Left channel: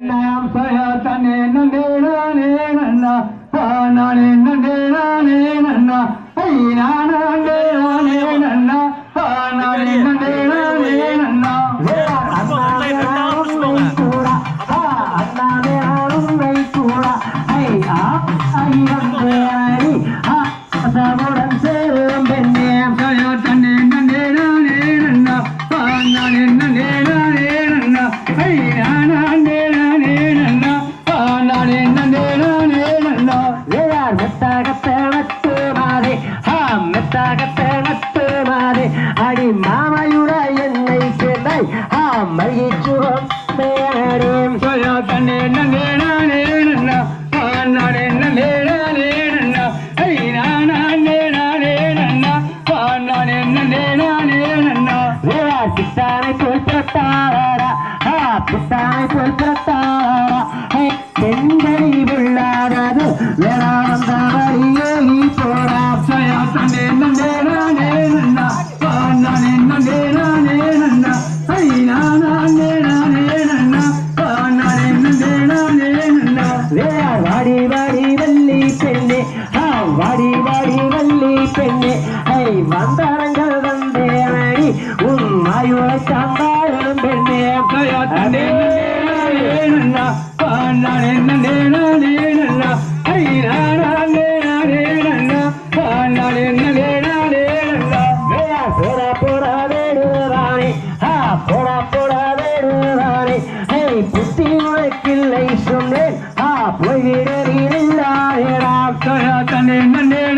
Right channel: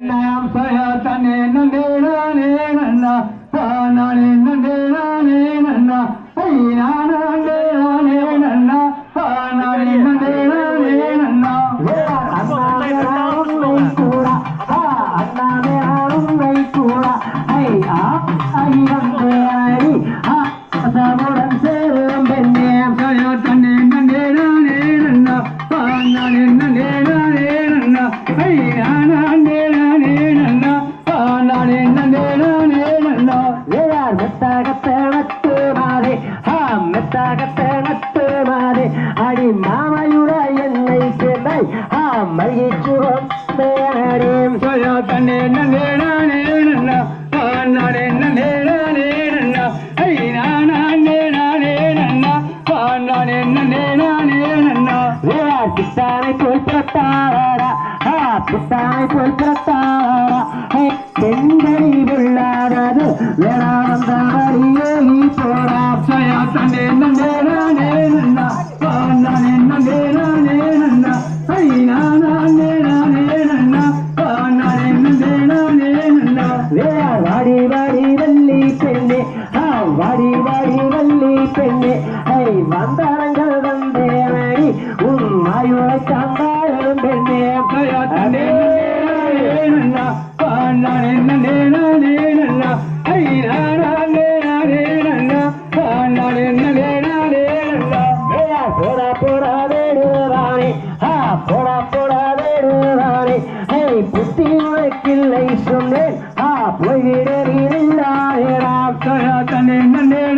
na pa ya ta ne na ne na ne na na pa na ne நன்னா வேளார் மெத்தாக நட்டு மாதே ஆ மெத்தாக நட்டு மாதே. அடி மாமையுட என்னை சேர்ந்தாய் ஆ மகிழ்ச்சுவம் மேடேம் சயத்தனே நந்தே நானே நன்னா நானே நந்தே நானே நன்னா. ஐ நானே நானே நன்னா நானே நந்தே நானே நன்னா. போல் பிறத்தாரா போல் பிறத்தாரா பெண்களை வேடுவானே ஆ போடா போடா வேடுவானே ஐ புத்தி உனக்கில்லை சொன்னேன். ஆ நந்தே நானே நன்னா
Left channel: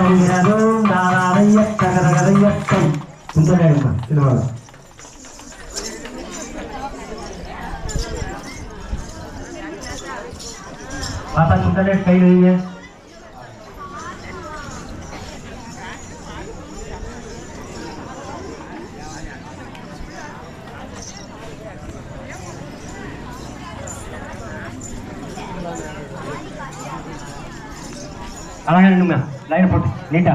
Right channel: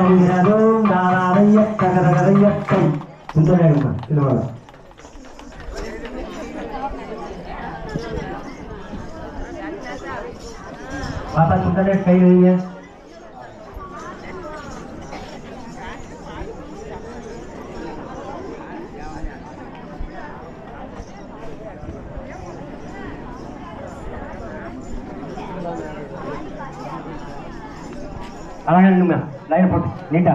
நாராதைய தகரகதையத்தை சுந்தரேமா திருவாரூர் பாப்பா சுந்தரே கை வைங்க அழகா நின்னுங்க லைன் போட்டு நீட்டா